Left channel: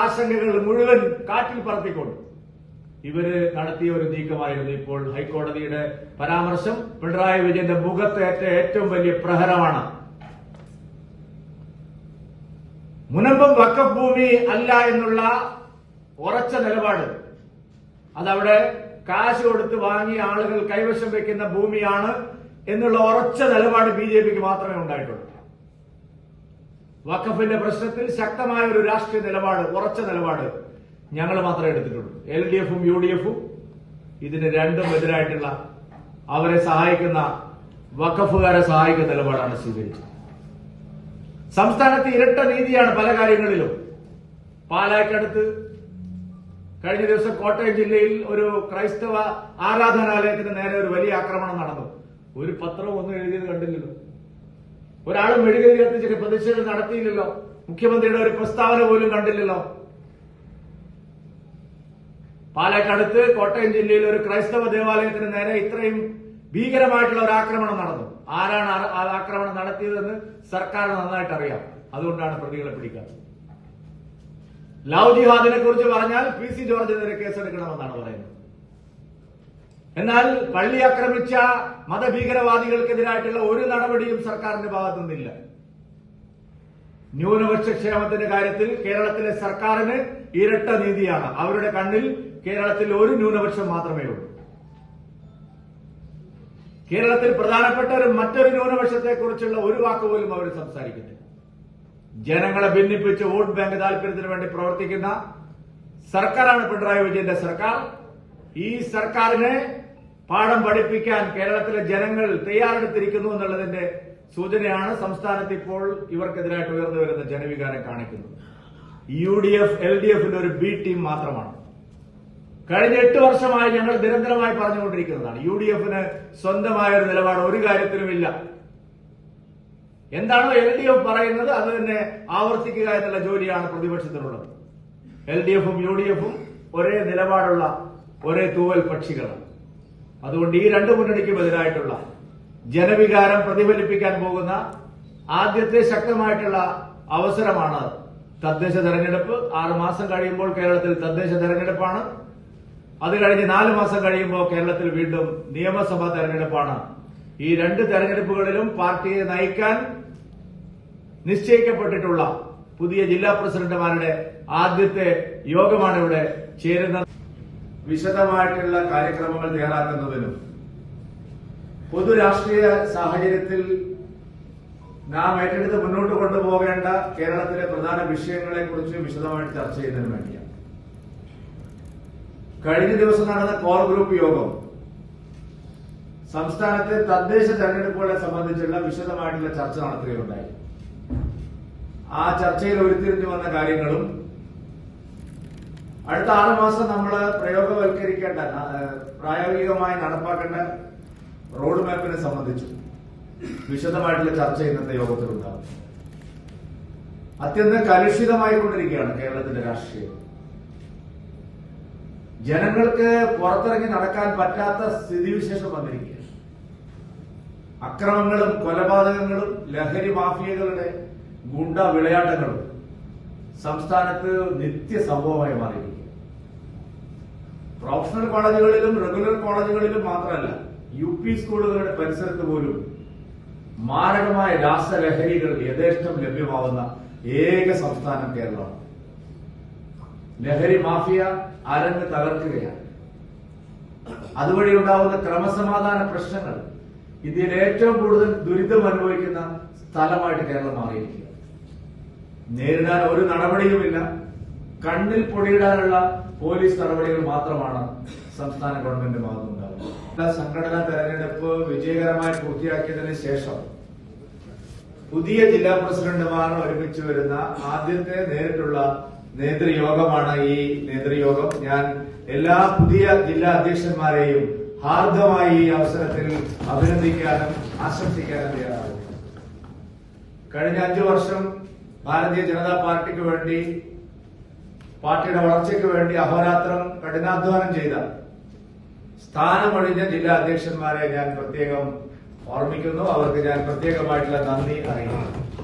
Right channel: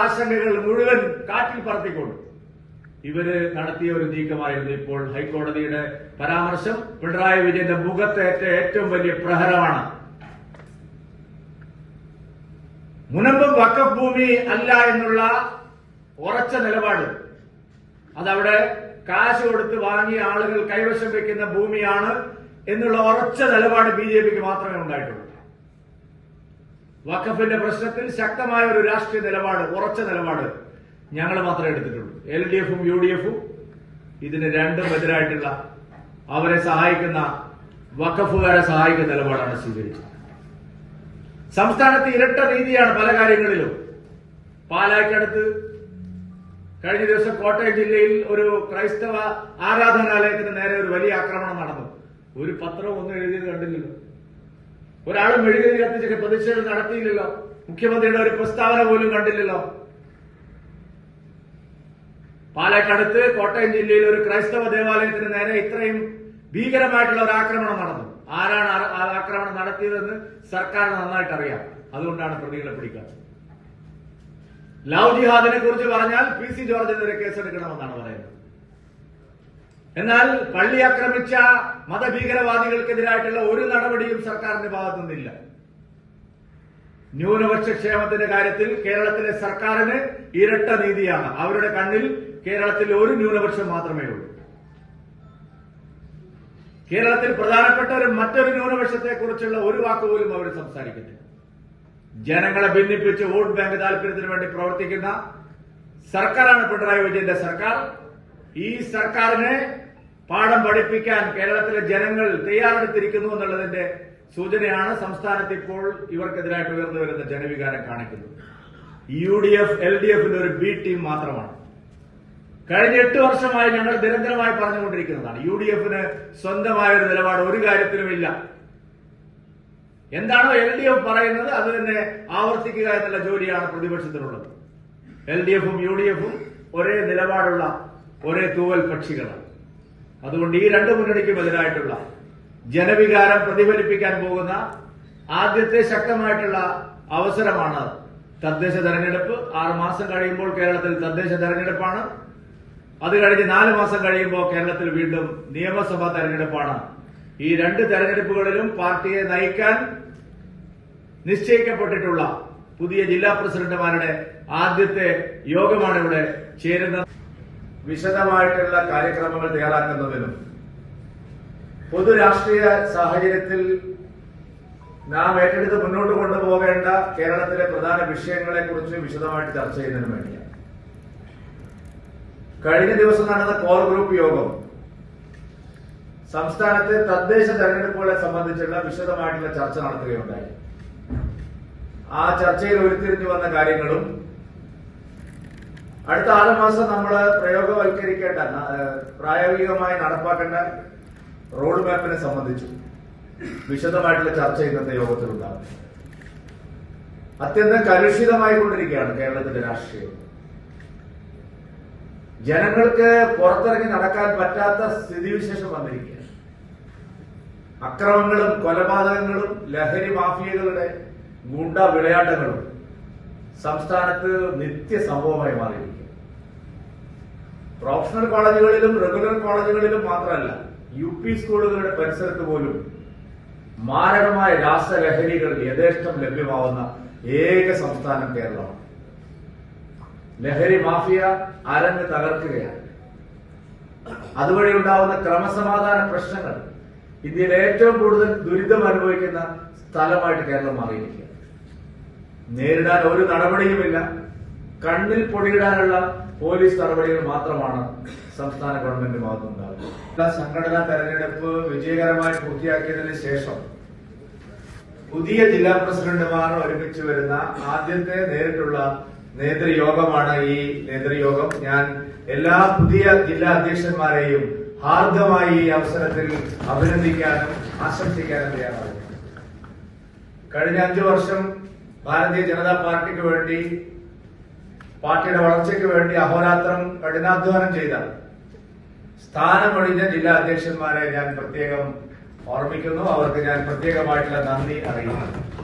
ആശങ്കകൾ മുഴുവൻ കാറ്റിൽ പറത്തിക്കൊണ്ട് ഇവര് നടത്തിയ ഒരു നീക്കമായിരുന്നു ഇപ്പോൾ ഹൈക്കോടതിയുടെ പരാമർശം. പിണറായി വിജയന്റെ മുഖത്തേറ്റ ഏറ്റവും വലിയ പ്രഹരമാണ്. മുനമ്പം വഖഫ് ഭൂമി അല്ല എന്നുള്ള ഉറച്ച നിലപാട്, അതവിടെ കാശ് കൊടുത്ത് വാങ്ങിയ ആളുകൾ കൈവശം വെക്കുന്ന ഭൂമിയാണ് എന്നുള്ള ഉറച്ച നിലപാട് ബിജെപിക്ക് മാത്രമേ ഉണ്ടായിട്ടുള്ളൂ. വഖഫിന്റെ പ്രശ്നത്തിൽ ശക്തമായ ഒരു രാഷ്ട്രീയ നിലപാട്, ഉറച്ച നിലപാട് ഞങ്ങൾ മാത്രമേ എടുത്തിട്ടുള്ളൂ. LDFും UDFും ഇതിന് രണ്ടും എതിരായിട്ടുള്ള, അവരെ സഹായിക്കുന്ന വഖഫുകാരെ സഹായിക്കുന്ന നിലപാടാണ് സ്വീകരിച്ചത്. സംസ്ഥാനത്ത് ഇരട്ട നീതിയാണ് പല കാര്യങ്ങളിലും. പാലായ്ക്കടുത്ത് കഴിഞ്ഞ ദിവസം കോട്ടയം ജില്ലയിൽ ഒരു ക്രൈസ്തവ ആരാധനാലയത്തിന് നേരെ ഒരു വലിയ ആക്രമണം നടന്നു. ഒരു പത്രവും ഒന്നും എഴുതിയത് കണ്ടില്ലല്ലോ. ഒരാളും മെഴുകുതിരി കത്തിച്ചിട്ട് പ്രതിഷേധം നടത്തിയില്ലല്ലോ. മുഖ്യമന്ത്രിയുടെ ഒരു പ്രസ്താവന പോലും കണ്ടില്ലല്ലോ. പാലക്കാടത്ത് കോട്ടയം ജില്ലയിൽ ഒരു ക്രൈസ്തവ ദേവാലയത്തിന് നേരെ ഇത്രയും ഭീകരമായിട്ടുള്ള ഒരു ആക്രമണം നടന്നു. ആരാണ് ആ ആക്രമണം നടത്തിയതെന്ന് സർക്കാരിന് നന്നായിട്ട് അറിയാം. അതുകൊണ്ടാണ് പ്രതികളെ പിടിക്കാത്തത്. ലവ് ജിഹാദിനെ കുറിച്ച് പറഞ്ഞാൽ PC ജോർജിനെതിരെ കേസെടുക്കണമെന്നാണ് പറയുന്നത്. എന്നാൽ പള്ളി ആക്രമിച്ച മതഭീകരവാദികൾക്കെതിരായിട്ടുള്ള ഒരു നടപടിയും സർക്കാരിന്റെ ഭാഗത്തു നിന്നില്ല. ന്യൂനപക്ഷ ക്ഷേമത്തിന്റെ കാര്യത്തിൽ കേരളത്തിലെ സർക്കാരിന് ഇരട്ട നീതിയാണ്. അവരുടെ കണ്ണിൽ കേരളത്തിൽ ഒരു ന്യൂനപക്ഷം മാത്രമേ ഉള്ളൂ. കേരളത്തിൽ പ്രധാനപ്പെട്ട മറ്റൊരു ന്യൂനപക്ഷത്തെക്കുറിച്ചുള്ള ഒരു വാക്കുപോലും അവർ സംസാരിക്കുന്നില്ല. ജനങ്ങളെ ഭിന്നിപ്പിച്ച് വോട്ട് ബാങ്ക് താൽപര്യത്തിന് വേണ്ടി പ്രവർത്തിക്കുന്ന സർക്കാരാണ് പിണറായി വിജയന്റെ സർക്കാർ. ഈ സർക്കാരിനെ പാഠം പഠിപ്പിക്കാൻ കേരളത്തിലെ ജനങ്ങൾ തയ്യാറെടുത്തിരിക്കുന്നു എന്നുള്ളതിന്റെ സൂചനയാണ് സംസ്ഥാനത്ത് ഇപ്പോൾ ഇവർക്കെതിരായിട്ട് ഉയർന്നു വരുന്ന ജനവികാരം കാണിക്കുന്നത്. UDF LDFിന്റെ ഒരു B ടീം മാത്രമാണ്. കഴിഞ്ഞ 8 വർഷമായി ഞങ്ങൾ നിരന്തരമായി പറഞ്ഞുകൊണ്ടിരിക്കുന്നതാണ്. UDFന് സ്വന്തമായ ഒരു നിലപാട് ഒരു കാര്യത്തിലുമില്ല. എന്താണോ LDF പറയുന്നത് അത് തന്നെ ആവർത്തിക്കുക എന്നുള്ള ജോലിയാണ് പ്രതിപക്ഷത്തിനുള്ളത്. LDFും UDFും ഒരേ നിലപാടുള്ള ഒരേ തൂവൽ പക്ഷികളാണ്. അതുകൊണ്ട് ഈ രണ്ടു മുന്നണിക്കും എതിരായിട്ടുള്ള ജനവികാരം പ്രതിഫലിപ്പിക്കാൻ പോകുന്ന ആദ്യത്തെ ശക്തമായിട്ടുള്ള അവസരമാണ് തദ്ദേശ തെരഞ്ഞെടുപ്പ്. 6 മാസം കഴിയുമ്പോൾ കേരളത്തിൽ തദ്ദേശ തെരഞ്ഞെടുപ്പാണ്. അത് കഴിഞ്ഞ് 4 മാസം കഴിയുമ്പോൾ കേരളത്തിൽ വീണ്ടും നിയമസഭാ തെരഞ്ഞെടുപ്പാണ്. ഈ 2 തെരഞ്ഞെടുപ്പുകളിലും പാർട്ടിയെ നയിക്കാൻ നിശ്ചയിക്കപ്പെട്ടിട്ടുള്ള പുതിയ ജില്ലാ പ്രസിഡന്റുമാരുടെ ആദ്യത്തെ യോഗമാണ് ഇവിടെ ചേരുന്നത്. വിശദമായിട്ടുള്ള കാര്യക്രമങ്ങൾ തയ്യാറാക്കുന്നതിനും പൊതു രാഷ്ട്രീയ സാഹചര്യത്തിൽ നാം ഏറ്റെടുത്ത് മുന്നോട്ട് കൊണ്ടുപോകേണ്ട കേരളത്തിലെ പ്രധാന വിഷയങ്ങളെക്കുറിച്ച് വിശദമായിട്ട് ചർച്ച ചെയ്യുന്നതിന് വേണ്ടിയാണ്. കഴിഞ്ഞ ദിവസം നടന്ന കോർ ഗ്രൂപ്പ് യോഗം സംസ്ഥാനത്തെ തദ്ദേശ തെരഞ്ഞെടുപ്പുകളെ സംബന്ധിച്ചുള്ള വിശദമായിട്ടുള്ള ചർച്ച നടത്തുകയുണ്ടായി. ആ ചർച്ചയിൽ ഉരുത്തിരിഞ്ഞു വന്ന കാര്യങ്ങളും അടുത്ത 6 മാസം നമ്മൾ പ്രയോഗവൽക്കരിക്കേണ്ട, പ്രായോഗികമായി നടപ്പാക്കേണ്ട റോഡ് മാപ്പിനെ സംബന്ധിച്ചു വിശദമായിട്ടുള്ള ചർച്ച ഇന്നത്തെ യോഗത്തിലുണ്ടാകും. അത്യന്തം കലുഷിതമായി കൊണ്ടിരിക്കുകയാണ് കേരളത്തിന്റെ രാഷ്ട്രീയം. ജനങ്ങൾക്ക് പുറത്തിറങ്ങി നടക്കാൻ പറ്റാത്ത സ്ഥിതിവിശേഷം വന്നിരിക്കുകയാണ്. അക്രമങ്ങളും കൊലപാതകങ്ങളും ലഹരി മാഫിയകളുടെ ഗുണ്ട വിളയാട്ടങ്ങളും സംസ്ഥാനത്ത് നിത്യസംഭവമായി മാറിയിരിക്കുക. പ്രൊഫഷണൽ കോളേജുകളിലും റെഗുലർ കോളേജുകളിലും മാത്രമല്ല, UP സ്കൂളുകളുടെ പരിസരത്ത് പോലും മാരകമായ രാസലഹരികൾ യഥേഷ്ടം ലഭ്യമാവുന്ന ഏക സംസ്ഥാനം കേരളമാണ്. ലഹരി മാഫിയ അരങ്ങ് തകർക്കുകയാണ്. അതുവഴി ഉണ്ടാവുന്ന ക്രമസമാധാന പ്രശ്നങ്ങൾ ഇന്ത്യയിൽ ഏറ്റവും കൂടുതൽ ദുരിതം അനുഭവിക്കുന്ന സ്ഥലമായിട്ട് കേരളം മാറിയിരിക്കുക. നേരിടാൻ ഒരു നടപടിയുമില്ല. കണ്ണിൽ പൊടിയിടാനുള്ള പോലീസ് നടപടികൾ മാത്രമാണ് സംസ്ഥാന ഗവൺമെന്റ് ഭാഗത്തുനിന്നുണ്ടാകുന്നത്. സംഘടനാ തെരഞ്ഞെടുപ്പ് വിജയകരമായി പൂർത്തിയാക്കിയതിന് ശേഷം പുതിയ ജില്ലാ പ്രസിഡന്റുമാർ ഒരുമിച്ച് വരുന്ന ആദ്യത്തെ നേരിട്ടുള്ള നേതൃയോഗമാണ് ഈ നേതൃയോഗം. ഞാൻ എല്ലാ പുതിയ ജില്ലാ അധ്യക്ഷന്മാരെയും ഹാർദമായി ഈ അവസരത്തിൽ അഭിനന്ദിക്കാനും ആശംസിക്കാനും തയ്യാറാണ്. കഴിഞ്ഞ 5 വർഷം ഭാരതീയ ജനതാ പാർട്ടിക്ക് വേണ്ടി, പാർട്ടിയുടെ വളർച്ചയ്ക്ക് വേണ്ടി അഹോരാത്രം കഠിനാധ്വാനം ചെയ്ത സ്ഥാനമൊഴിഞ്ഞ ജില്ലാ അധ്യക്ഷന്മാരെ ഞാൻ പ്രത്യേകം ഓർമ്മിക്കുന്നു. അവർക്ക് ഞാൻ പ്രത്യേകമായിട്ടുള്ള നന്ദി അറിയിക്കുന്നു.